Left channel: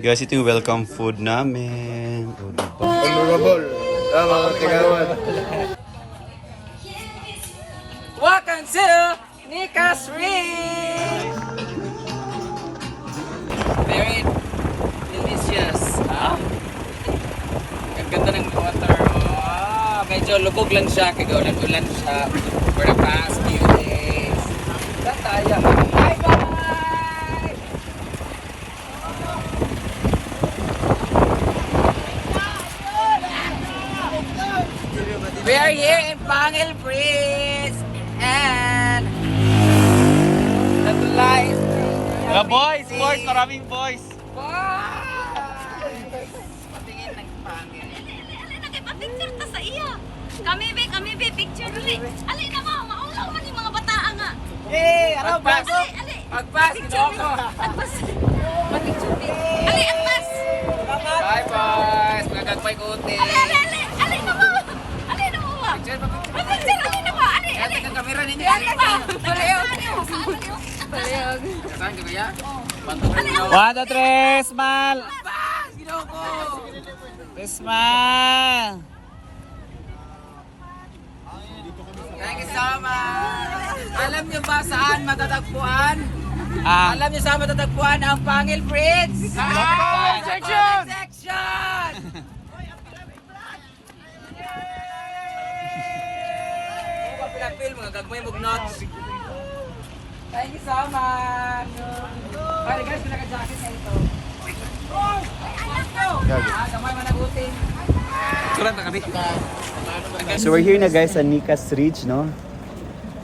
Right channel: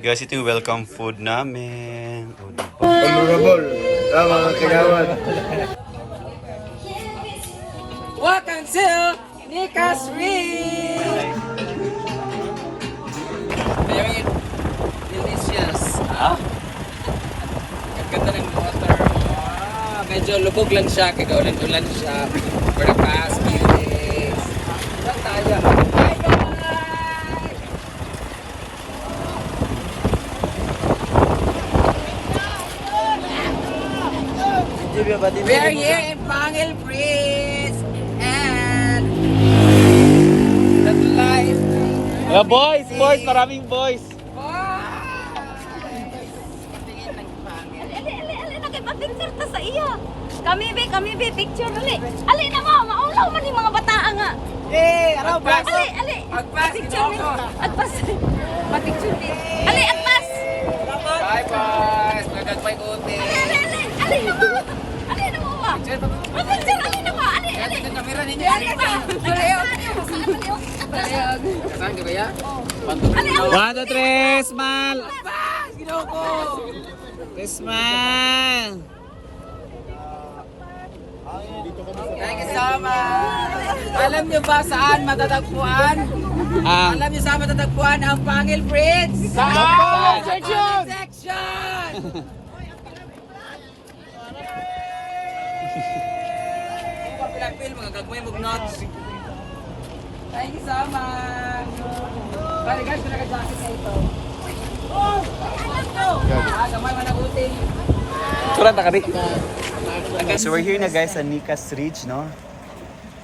Guys, ito yung welcome food namin. O, diba? Honorable. Mga kailangan. Welcome to Nika's Ring! Very delicious. Ah? Ang ganda ng water. Medyo lubog lang siya. Kaya ulan-ulan siya. For the past few days. Saan tayo? Bye bye! We are here in Pangil Prince and the lights. Mga boys, maraming boys. Patingin ng Pangil. Ali na kay pa-picture ta sa iya. Kami be picture ali. Ali na mo, maulaw man yung mga bata nga. Eh, ano ba? Ali. Agpas, Picture ginoo ko. Agpas. Pa-picture di. Ali agpas. Bye boys, nagagmay kuti. Ali na mo. Ali na mo. Picture pa picture. Pa-picture ali na mo. Ali. Kaya tingnan kamera ninyo. Ali na. Baliyog. Saan ka kaya? Ali. 1, 2, 3, smile! Agpas, ginoo ko. Smile! Thank you so much. Alam niyo ba saan matatagpuan? Alam niyo saan matatagpuan ang Pangil Prince? Sa comment section! Pilapil, mga gagmay mong notes. Thank you so much. Bali guys, pinaka-jacket na ito. Gamay managutin. Surat na kami. So we're here na guys sa Nika's Ridge, no?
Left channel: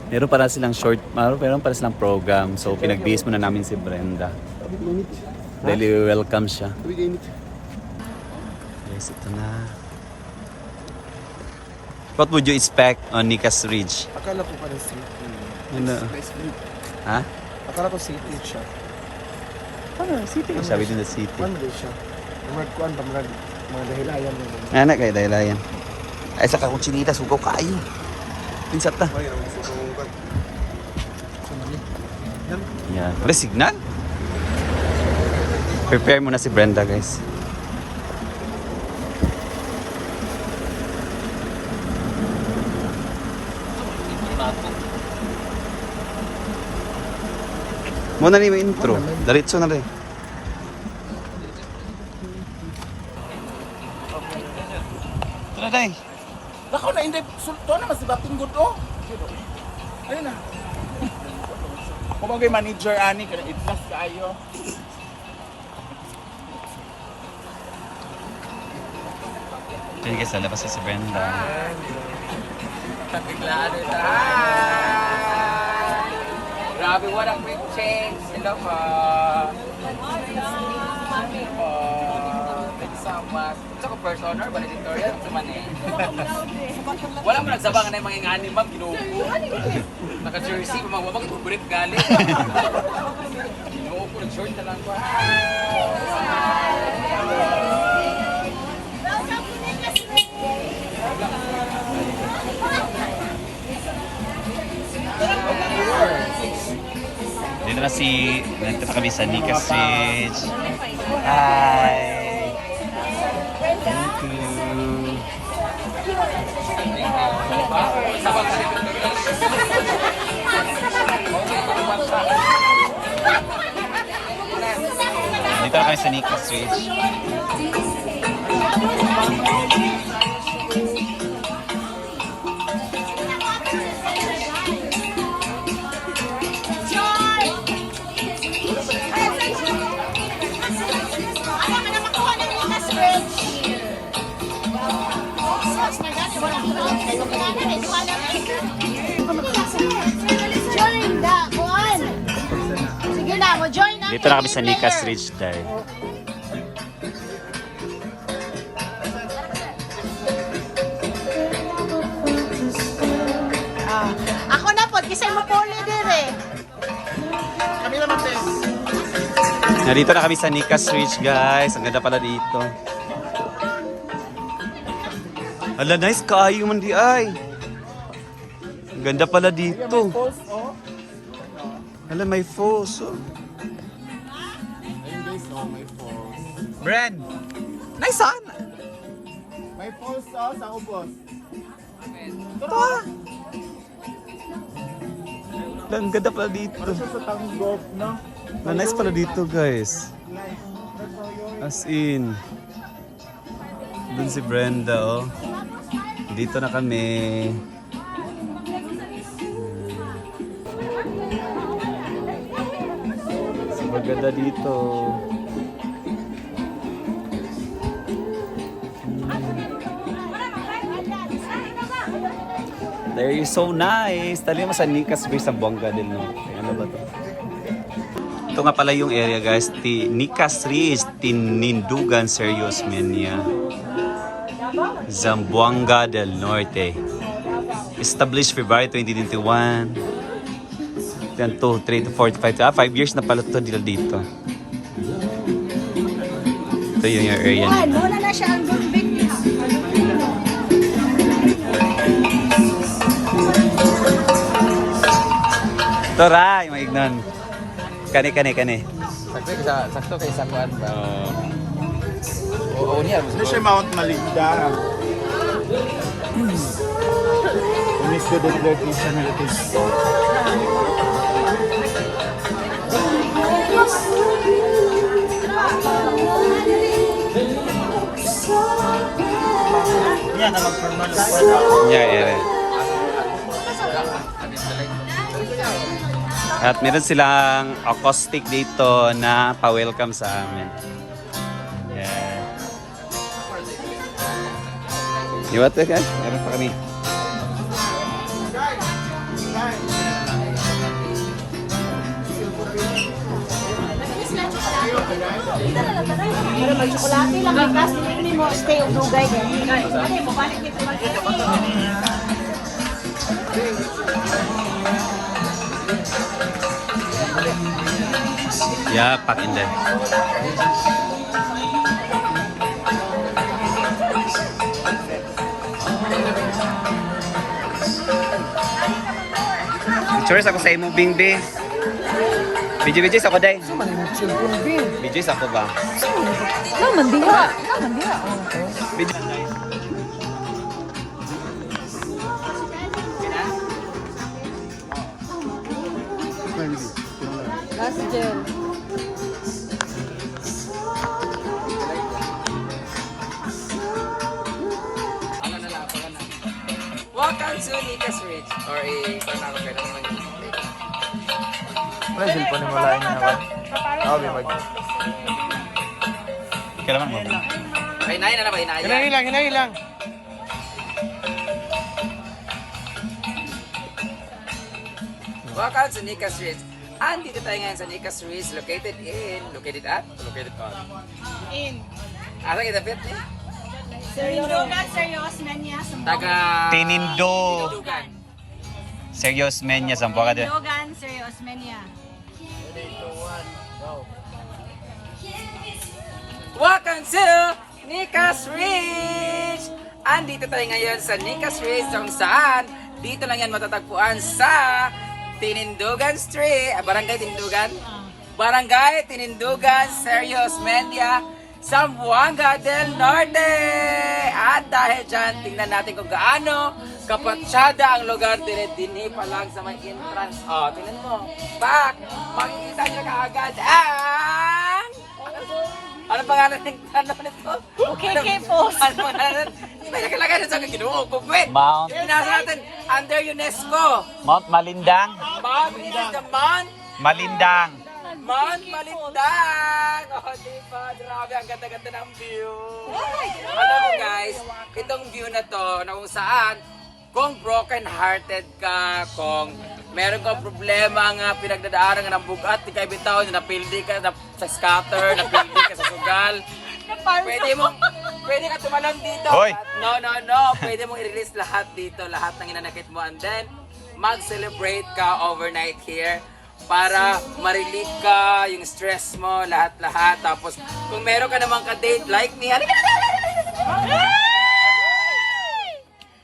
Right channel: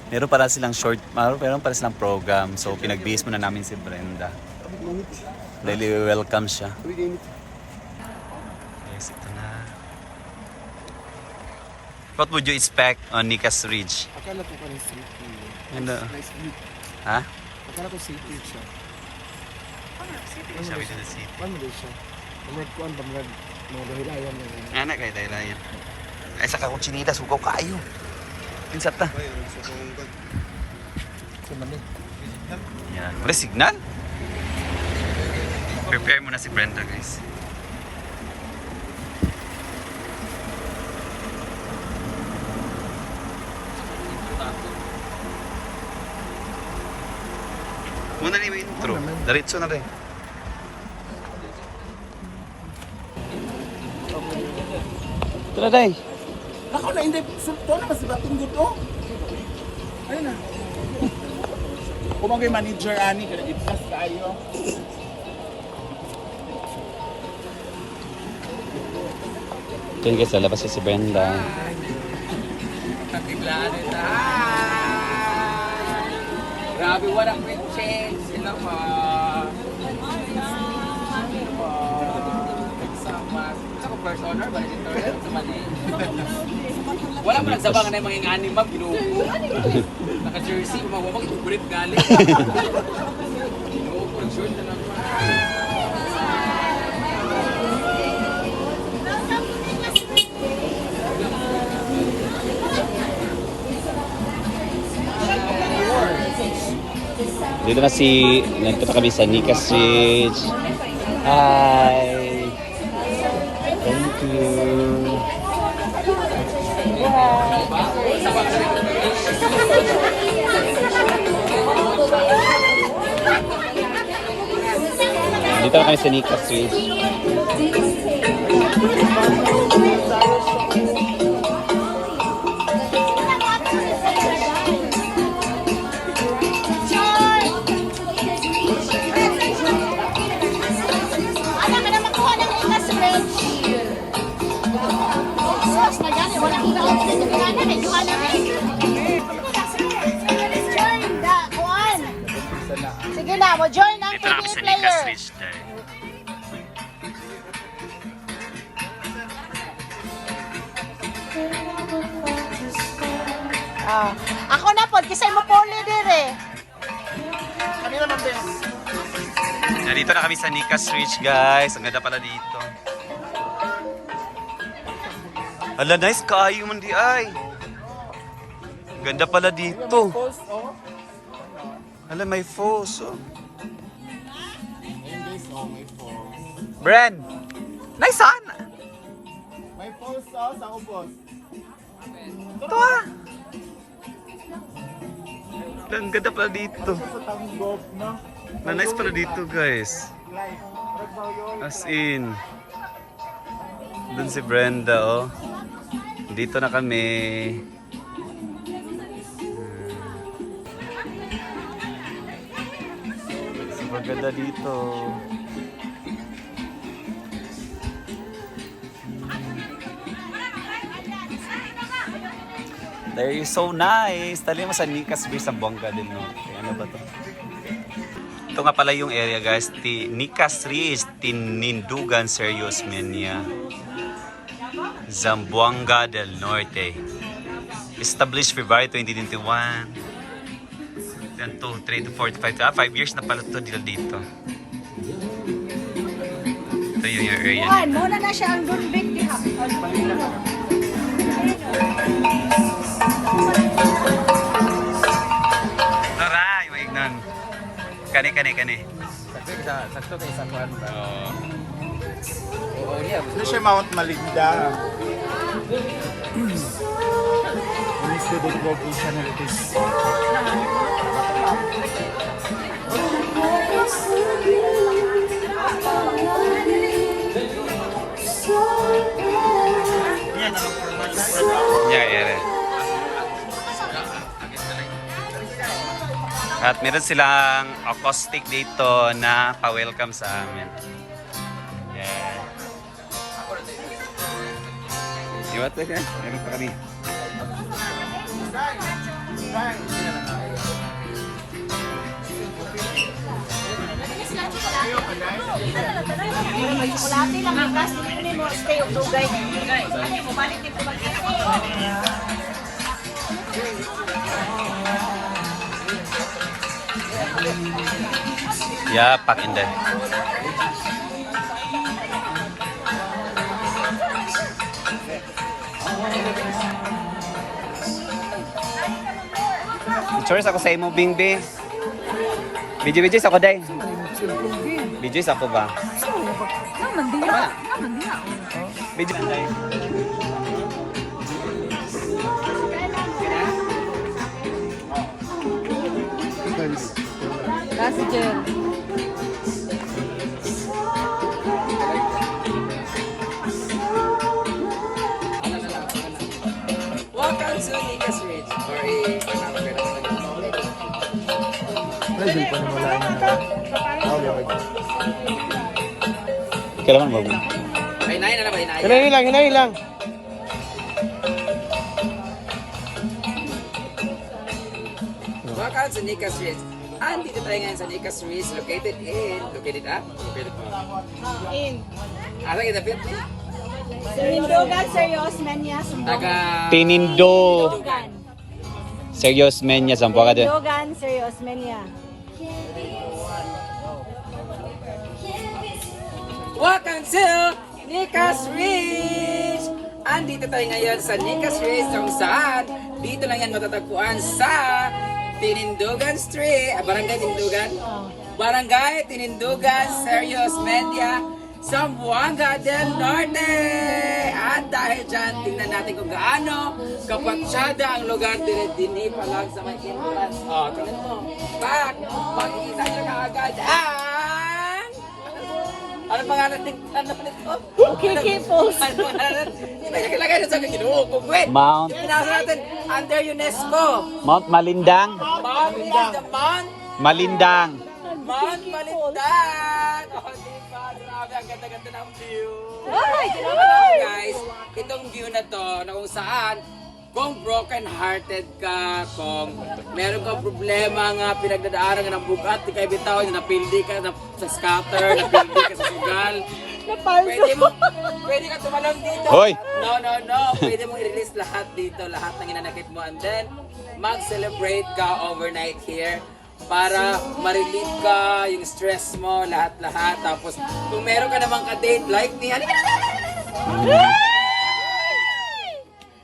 Meron para silang meron para silang program. So pinag-base muna namin si Brenda. Dahil welcome siya. Yes, ito na. What would you expect on Nika's Ridge? Akala ko pa ng city. Ano? Nice view. Ha? Akala ko city siya. Ano, city? Sabi din na city. Ano din siya? Kuan pa mga dahilayan mo. Anak kayo dahil yan. Ay sa kakong sinita, sugaw kayo. Pinsat ta. Yan. Wala signal. Prepare muna si Brenda guys. Muna na yung intro. Diretso na rin. Ito na day. Nako na hindi sulto na mas bating good oh. Ayun na. Kumagay manager ani kada itlas kaayo. Ito yung guys, lalabas si Brenda. Biglaan ito. Hi! Grabe, walang big change. Sila pa. Nagsamas. Tsaka first honor, valedictorian, sumani. Wala mo nagsabangan na yung mga ingani, ma'am. Ginuupo. Naka-jersey, mamamang brief galing. Ginuupo, short na lang pa. Dito na nandito pa kami sa Nika's Ridge. Hi! Thank you! Dito na kami sa Nika's Ridge. Dito na kami sa Nika's Ridge dahil. Ako na po, kisay mo poli din eh. Kami naman din. Nandito na kami sa Nika's Ridge guys. Ang ganda pala dito. Hala, nice kaayo man di ay. Ang ganda pala dito. Hala, may falls oh. Oh, may falls. Bren! Nice on! May falls sa ubos. Ito ah! Ang ganda pala dito. Sa Tanggop, no? Na nice pala dito guys. As in. Dun si Brenda oh. Dito na kami. Super ganda dito. There is so nice. Tali mo sa Nicas Bay sa Buanga del Norte. Ano ba to? Ito nga pala yung area guys. Nicas Ridge, Tinindugan, Serious Menia. Zamboanga del Norte. Established February 2021. 1, 2, 3 to 45. 5 years na pala ito dito. Ito yung area nila. Wala na siya ang Ito ra, yung maignan. Kani. Sakto kay isang buwan. Oh. Oo niya. Ano siya Mount Malinda? Umis ko doon location na ito. Yeah, ere. At meron silang acoustic dito na pa-welcome sa amin. Yeah. Iwat ka? Meron pa kami. Pero may tsokolate lang, may gas, hindi mo stay o dugay din. Ano mo, balik dito lang. Yeah, pack in there. Pictures ako sa imo, Bingbe. Video ako day. Video ako ba? Mandiya. Video day. Ano na lang, ano na. Welcome to Nicas Ridge. Or i-panawag ko naman yung Present po ni Mula niya na ba? Okay, okay. Kailangan mo. Ay, nai na naman, inaya. Hinahin lang. Welcome to Nicas Ridge. Andito tayo ngayon sa Nicas Ridge, located at? Located pa. Asa kita pit eh? Tinindugan, serious na niya. Taga... Tinindugan. Serious men niya sa Buanga del. Tinindugan, serious na niya. Welcome to Nicas Ridge! Andito tayo ngayon sa Nicas Ridge kung saan dito lang yan matatagpuan sa Tinindugan Street, Barangay Tinindugan? Barangay Tinindugan, Serious Media, Zamboanga del Norte! At dahil dyan, tingnan natin kung gaano kapatsyada ang lugar dinhi pa lang sa may entrance. Oh, tingnan mo. Pak! Makikita niya kaagad ang... Ano pangalan nito? Okay, post. Ano pangalan? May nakalagay na sa Ginoo, Kugwit. Mount. Pinasa natin under UNESCO. Mount Malindang. Mount Malindang. Malindang. Mount Malindang. Oh, diba? Grabe, ang ganda-ganda ng view. Alam mo guys, itong view na to, na kung saan, kung broken-hearted ka, kung meron kang problema nga pinagdadaanan ka ng bugat, di kayo bitaw, napildi ka sa scatter, napildi ka sa sugal, pwede ka tumalon dito. Hoy! No. Pwede mong i-release lahat dito, lahat ng inanakit mo. And then, mag-celebrate ka overnight here para ma-relieve ka yung stress mo, lahat-lahat. Tapos, kung meron ka namang ka-date like me,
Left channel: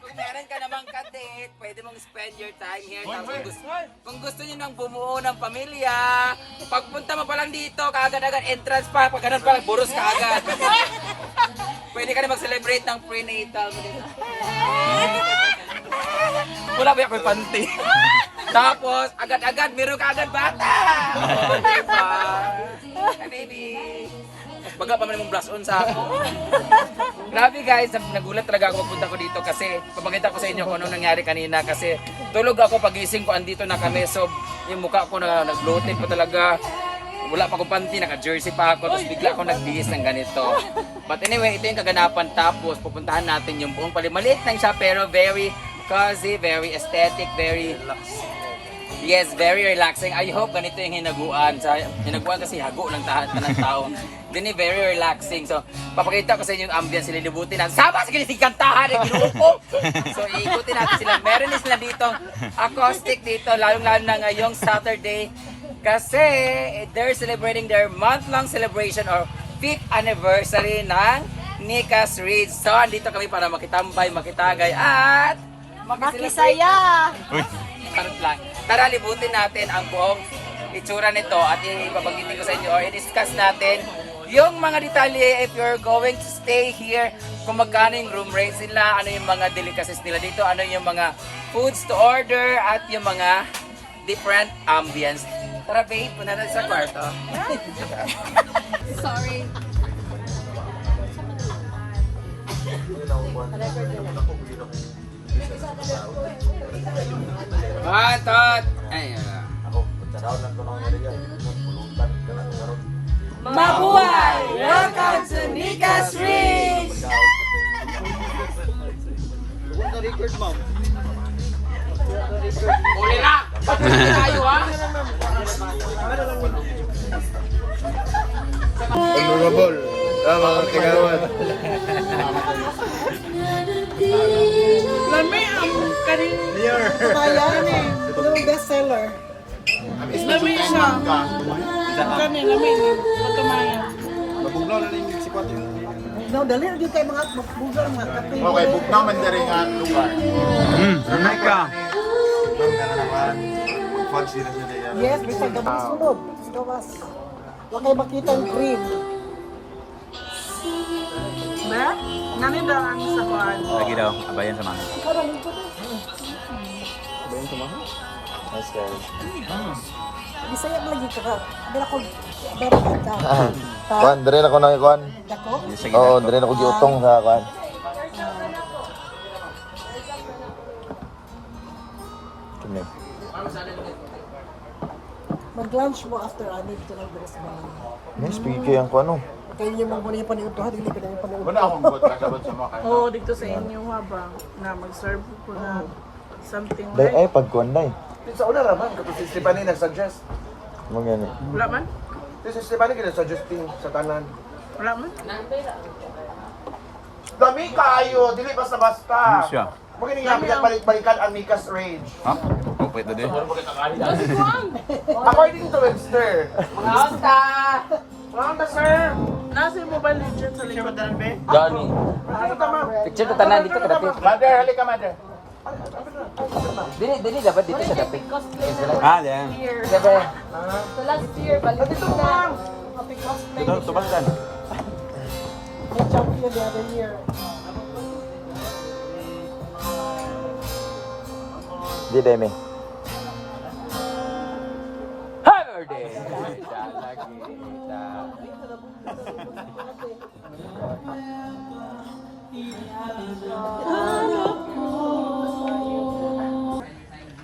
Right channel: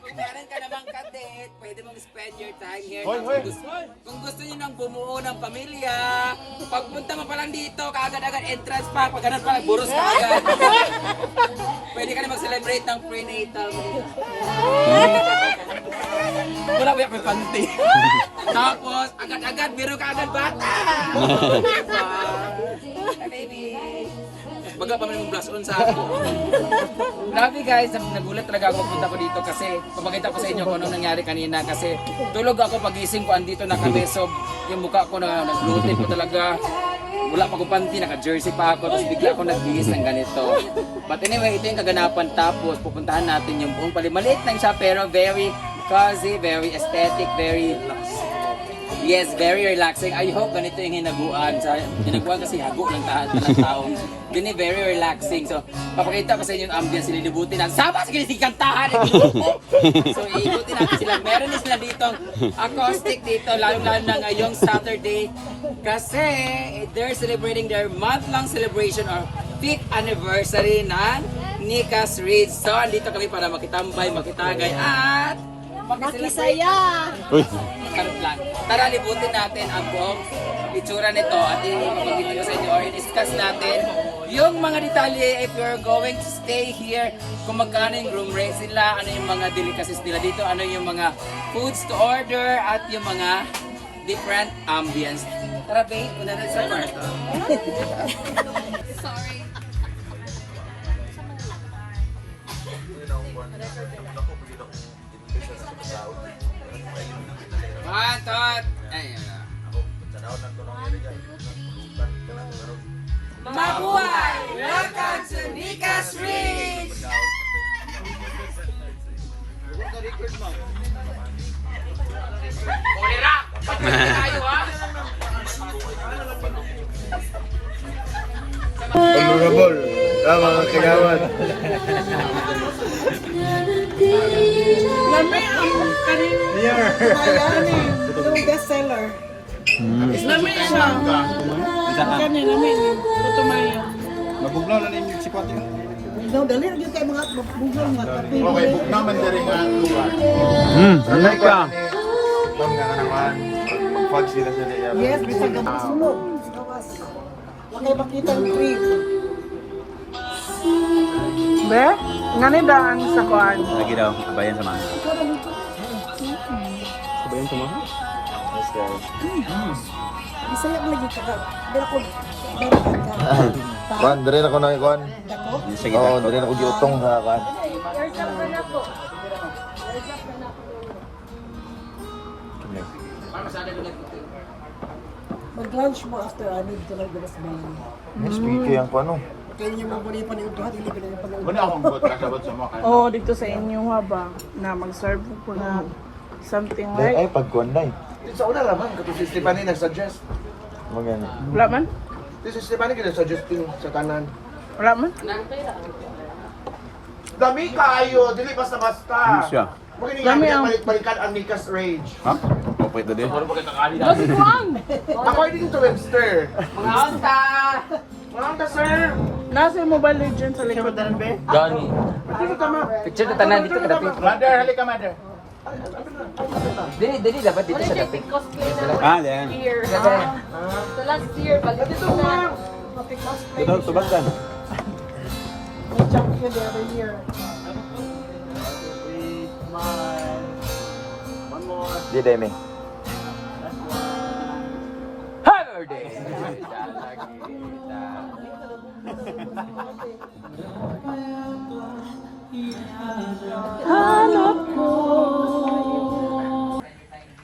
kung meron ka namang ka-date, pwede pwede mong spend your time here. Kung gusto niyo nang bumuo ng pamilya, pagpunta mo pa lang dito, kaagad-agad entrance pa, pag ganun pa lang, buros ka agad. Pwede ka na mag-celebrate ng prenatal mo dito. Wala ba yung panty? Tapos, agad-agad, meron ka agad bata! Oh, diba? Hi, baby! Baga pa man mong blush on sa ako. Grabe guys, nagulat talaga ako pagpunta ko dito kasi pamagita ko sa inyo kung ano nangyari kanina kasi tulog ako pagising ko andito na kami so yung mukha ko na nag-bloated pa talaga. Wala pa ko panty, naka-jersey pa ako tapos bigla ako nagbihis ng ganito. But anyway, ito yung kaganapan tapos pupuntahan natin yung buong pali. Maliit lang siya pero very cozy, very aesthetic, very yes, very relaxing. I hope ganito yung hinaguan. Hinaguan kasi hago ng tao. Gani very relaxing. So, papakita ko sa inyo yung ambience. Sililibutin natin. Sama sa kinisikantahan ng grupo! So, iikutin natin sila. Meron din sila dito acoustic dito. Lalo-lalo na ngayong Saturday. Kasi they're celebrating their month-long celebration or 5th anniversary ng Nicas Ridge. So, andito kami para makitambay, makitagay at Makisaya! Parang lang. Tara, libutin natin ang buong itsura nito at ipapagbitin ko sa inyo or i-discuss natin yung mga detalye if you're going to stay here, kung magkano yung room rates nila, ano yung mga delicacies nila dito, ano yung mga foods to order at yung mga different ambience. Tara, babe, punta na sa kwarto. Sorry. Pantot! Ay, Mabuhay! Welcome to Nicas Ridge! Uli na! Pagpili tayo, ha? Honorable, mga kagawad. Lami ang karing bayanin, yung bestseller. Lami siya. Ang kanin, lami. Putumaya. Maguglaw na rin yung sipat yung No, dali rin kayo mga buglang mga kape. okay, bugnaw man na rin ang lugar. Ramay ka. Ang nga naman, mag-fog sila sa nila. Yes, bisa gabi sunog. Gawas. Okay, makita ang cream. Be? Nga ni daan sa kuan. Lagi daw, abayan sa mga. Bisaya mo lagi ka. Dala ko barakat ka. Kuan, dire na ko na kuan. Dako? Sige, Oo, dire na ko giutong sa kuan. Mag-lunch mo after anig to na gawas bayan. Next week yung kuan no. Kaya niyo mo muna yung paniutuhan, hindi ko na yung paniutuhan. Muna akong bot kasabot sa mga Oo, dito sa inyo haba na mag-serve ko na something Dahil like pag kuan na Sa una naman, kasi si Stephanie nag-suggest. Mo yan. wala man? Si Stephanie nag-suggest sa tanan. Wala man? Dami kaayo, dili basta-basta. Ano siya? Huwag nga balik-balikan ang Nicas Rage. Ha? Okay, ito din. According to Webster. Ang sir! Nasa yung mobile legend sa likod. Gani. Ito na tama. Picture na tanan dito kadapit. Mother, halika mother. Dili dapat dito sa dapit. Ah, yan. The last year, balik Ito lang! Ito, tubagdan. Champion the other year. Di demi. Happy birthday!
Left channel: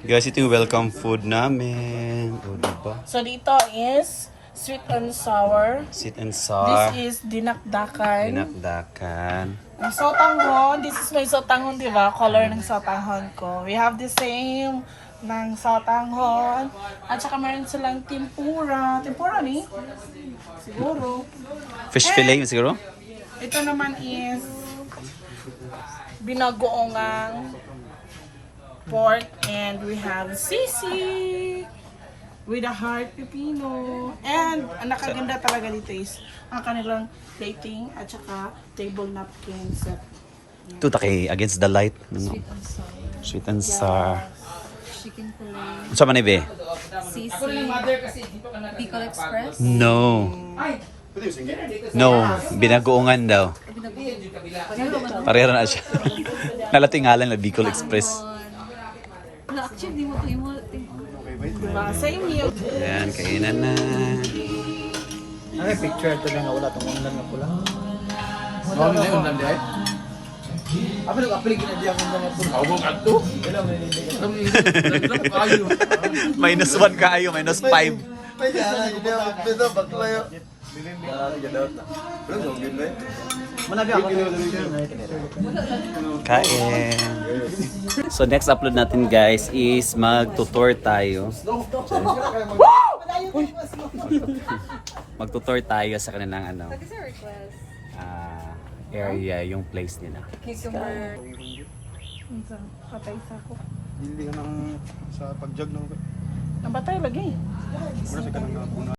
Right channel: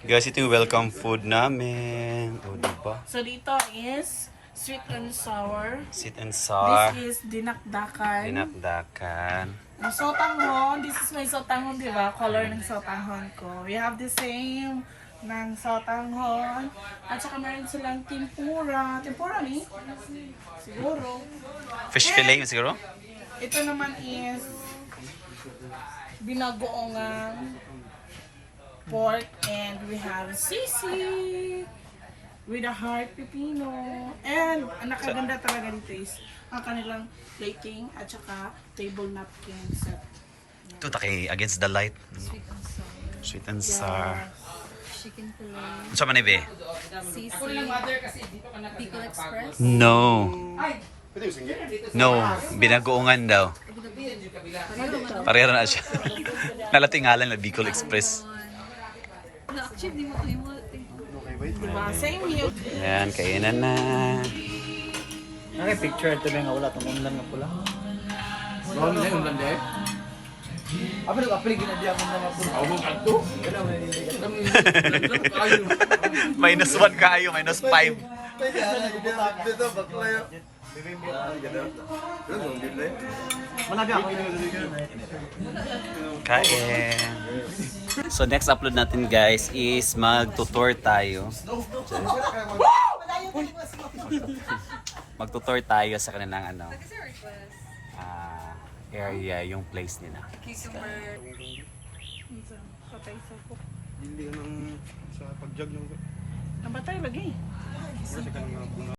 Guys, ito yung welcome food namin. O, diba? So dito is sweet and sour. Sweet and sour. This is dinakdakan. Dinakdakan. Ang sotanghon, this is my sotanghon, di ba? Color ng sotanghon ko. We have the same ng sotanghon. At saka meron silang tempura. Tempura ni? Siguro. Fish fillet siguro? Ito naman is binagoongang pork and we have sisig with a heart pepino. And ang nakaganda talaga dito is ang kanilang plating at saka table napkin set. Ito taki against the light. Sweet and sour. Sweet and sour. Chicken fillet. Sa man be? Sisig. Pickle Express. No. No, binagoongan daw. Pareho na siya. Nalatingalan na Bicol Express. Na actually di mo to imo. Diba? Same here. Yan, kainan na. Ang picture ito lang wala tong online na pula. Noon na yun, nande. Apil ginadiyan ko mga puro. Ako mong ato. Kayo. -1 kayo, -5. Pwede na, dito, bakla yun. Kain. So next upload natin guys is mag-tutor tayo. Mag-tutor tayo sa kanilang area, yung place nila. Patay sa ako. Hindi ka nang sa pagjag ng... Ang batay lagi.